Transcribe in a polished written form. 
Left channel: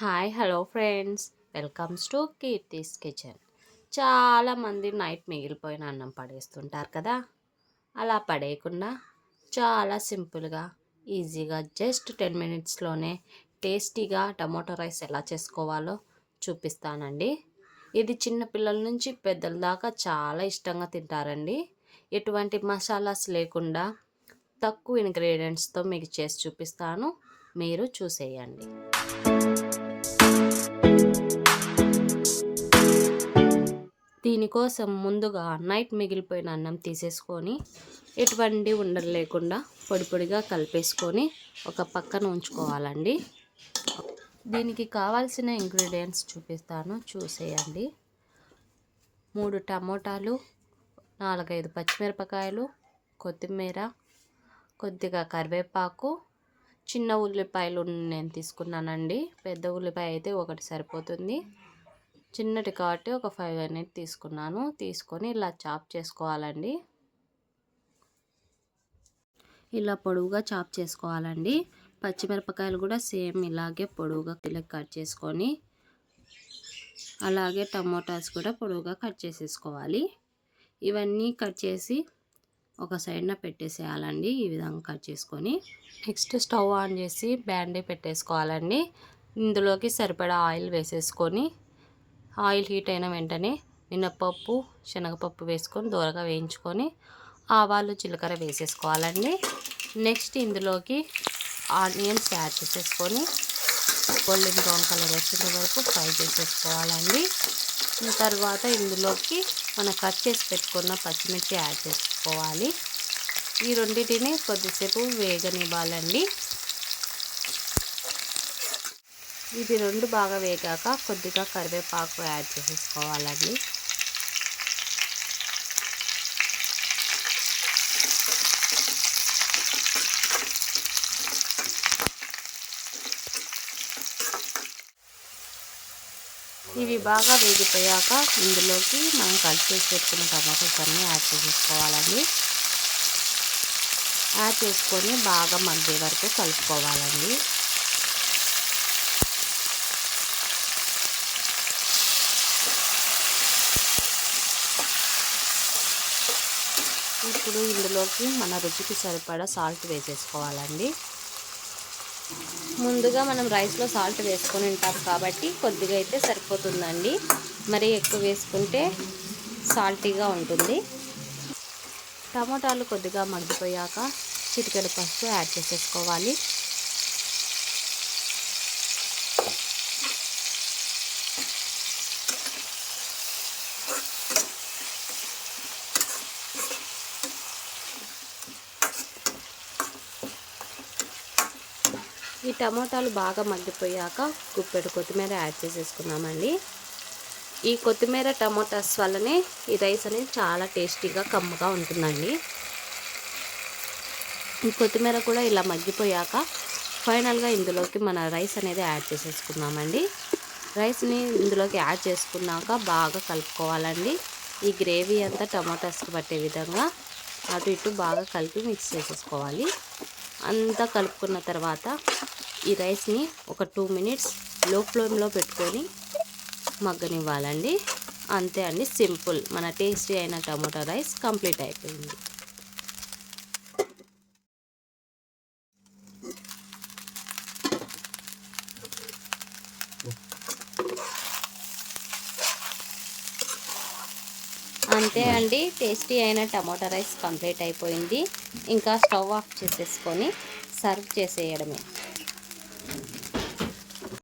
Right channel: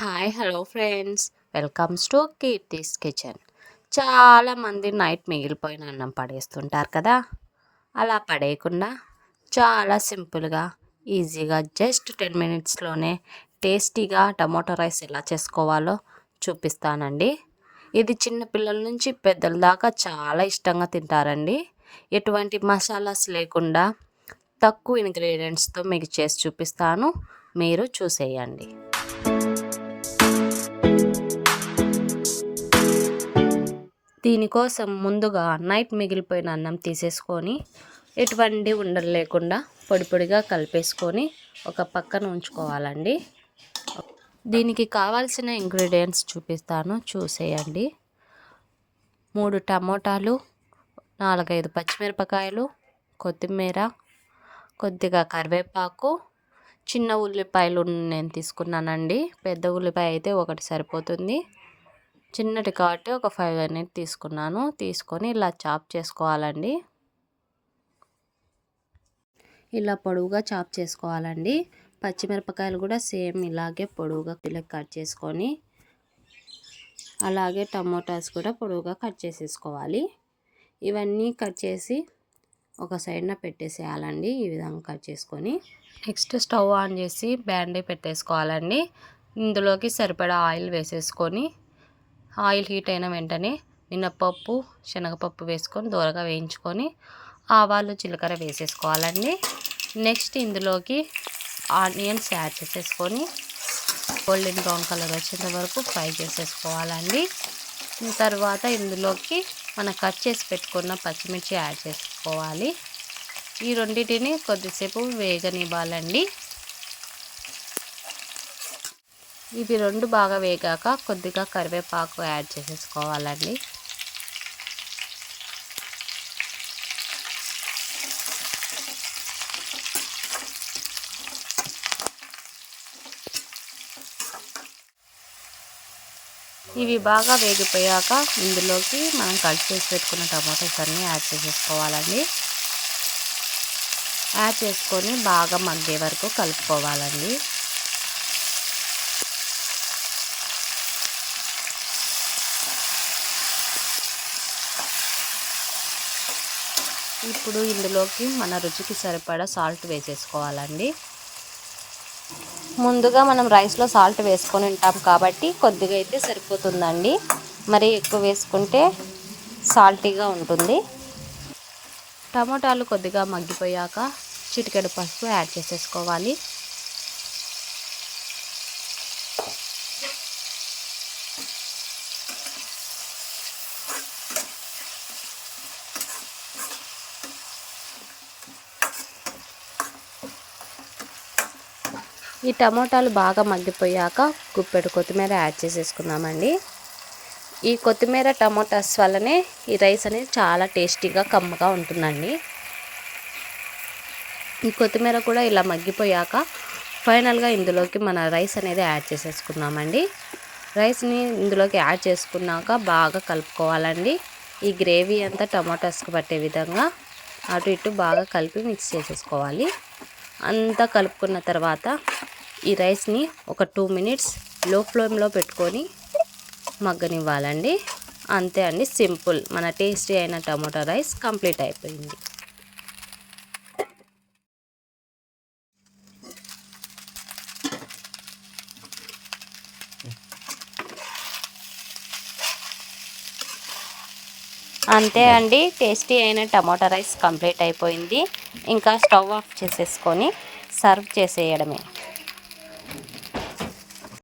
Hi hello friends, welcomes to Keerthi's kitchen. చాలామంది night మిగిలిపోయిన అన్నం పడేస్తుంటారు కదా. అలా పడేయకుండా చాలా సింపుల్గా ఈజీగా జస్ట్ 10 మినిట్స్లోనే టేస్టీగా టమాటో రైస్ ఎలా చేసుకోవాలో చూపిస్తానండి. ఇది చిన్న పిల్లల నుంచి పెద్దల దాకా చాలా ఇష్టంగా తింటారండి. ఎటువంటి మసాలాస్ లేకుండా తక్కువ ఇంగ్రీడియంట్స్తో మీకు చేసి చూపిస్తాను, మీరు చూసేయండి. దీనికోసం ముందుగా నైట్ మిగిలిపోయిన అన్నం తీసేసుకొని ఎటువంటి ఉండలు లేకుండా పొడి పొడిగా కలిపేసుకొని ఒక పక్కన ఉంచుకోవాలండి. దీనికి కావాల్సిన ఇంగ్రీడియంట్స్ చూపిస్తాను, చూసేయండి. 3 టమోటాలు, 4-5 పచ్చిమిరపకాయలు, కొత్తిమీర, కొద్దిగా కరివేపాకు, చిన్న ఉల్లిపాయలు నేను తీసుకున్నానండి. పెద్ద ఉల్లిపాయ అయితే ఒకటి సరిపోతుంది. చిన్నటి కాబట్టి ఒక 5 అనేది తీసుకున్నాను. తీసుకొని ఇలా చాప్ చేసుకోవాలండి. ఇలా పొడవుగా చాప్ చేసుకోవాలండి. పచ్చిమిరపకాయలు కూడా సేమ్ ఇలాగే పొడవుగా కట్ చేసుకొని, అలాగే టమోటాస్ కూడా పొడవుగా కట్ చేసేసుకోవాలి. ఇవన్నీ కట్ చేసి ఒక సైడ్న పెట్టేసేయాలండి. ఈ విధంగా కట్ చేసుకొని నెక్స్ట్ స్టవ్ ఆన్ చేసి బ్యాండీ పెట్టేసుకోవాలండి. ఇందులోకి సరిపడా ఆయిల్ వేసేసుకొని, ఆయిల్ హీట్ అయిన వెంటనే మినపప్పు, శనగపప్పు వేసుకొని దోరగా వేయించుకొని ఆవాలు, జీలకర్ర వేసేసుకోవాలండి. నెక్స్ట్ ఇందులోకి ఆనియన్స్ యాడ్ చేసేసుకొని గోల్డెన్ బ్రౌన్ కలర్ వచ్చేంత వరకు ఫ్రై చేసేసుకోవాలండి. తర్వాత ఇందులోకి మనం కట్ చేసి పెట్టుకున్న పచ్చిమిర్చి యాడ్ చేసుకోవాలి. ఈ రెండింటిని కొద్దిసేపు వేగనివ్వాలండి. ఇది రెండు బాగా వేగాక కొద్దిగా కరివేపాకు యాడ్ చేసేసుకోవాలండి. ఇవి బాగా వేగిపోయాక ఇందులోకి మనం కట్ చేసి పెట్టుకున్న టమాటోస్ అన్నీ యాడ్ చేసేసుకోవాలండి. యాడ్ చేసుకొని బాగా మగ్గే వరకు కలుపుకోవాలండి. ఇప్పుడు ఇందులోకి మన రుచికి సరిపడా సాల్ట్ వేసేసుకోవాలండి. ముందుగా మనం రైస్లో సాల్ట్ వేసుకొని ఉంటాం కాబట్టి కొద్దిగా అయితే సరిపోతుందండి. మరి ఎక్కువ వేసుకుంటే సాల్టీగా ఉంటుంది. టమాటాలు కొద్దిగా మగ్గిపోయాక చిటికెడు పసుపు యాడ్ చేసేసుకోవాలి. ఈ టమోటాలు బాగా మగ్గిపోయాక గుప్పెడు కొత్తిమీర యాడ్ చేసేసుకున్నామండి. ఈ కొత్తిమీర టమోటాస్ వల్లనే ఈ రైస్ అనేది చాలా టేస్టీగా కమ్మగా ఉంటుందండి. ఈ కొత్తిమీర కూడా ఇలా మగ్గిపోయాక ఫైనల్గా ఇందులోకి మన రైస్ అనేది యాడ్ చేసేసుకున్నామండి. రైస్ని ఇందులోకి యాడ్ చేసుకున్నాక బాగా కలుపుకోవాలండి. ఈ గ్రేవీ అంతా టమోటాస్కి పట్టే విధంగా అటు ఇటు బాగా కలిపి మిక్స్ చేసేసుకోవాలి. అంతా కలుపుకున్న తర్వాత ఈ రైస్ని ఒక 2 మినిట్స్ లో ఫ్లేమ్లో పెట్టుకొని మగ్గనివ్వాలండి. అంతే అండి, సింపుల్. మన టేస్టీ అయిన టమాటో రైస్ కంప్లీట్ అయిపోయింది. అంతే అండి, టేస్టీ అయిన టమాటో రైస్ కంప్లీట్ అయిపోయింది. ఇంకా స్టవ్ ఆఫ్ చేసేసుకొని సర్వ్ చేసేయడమే.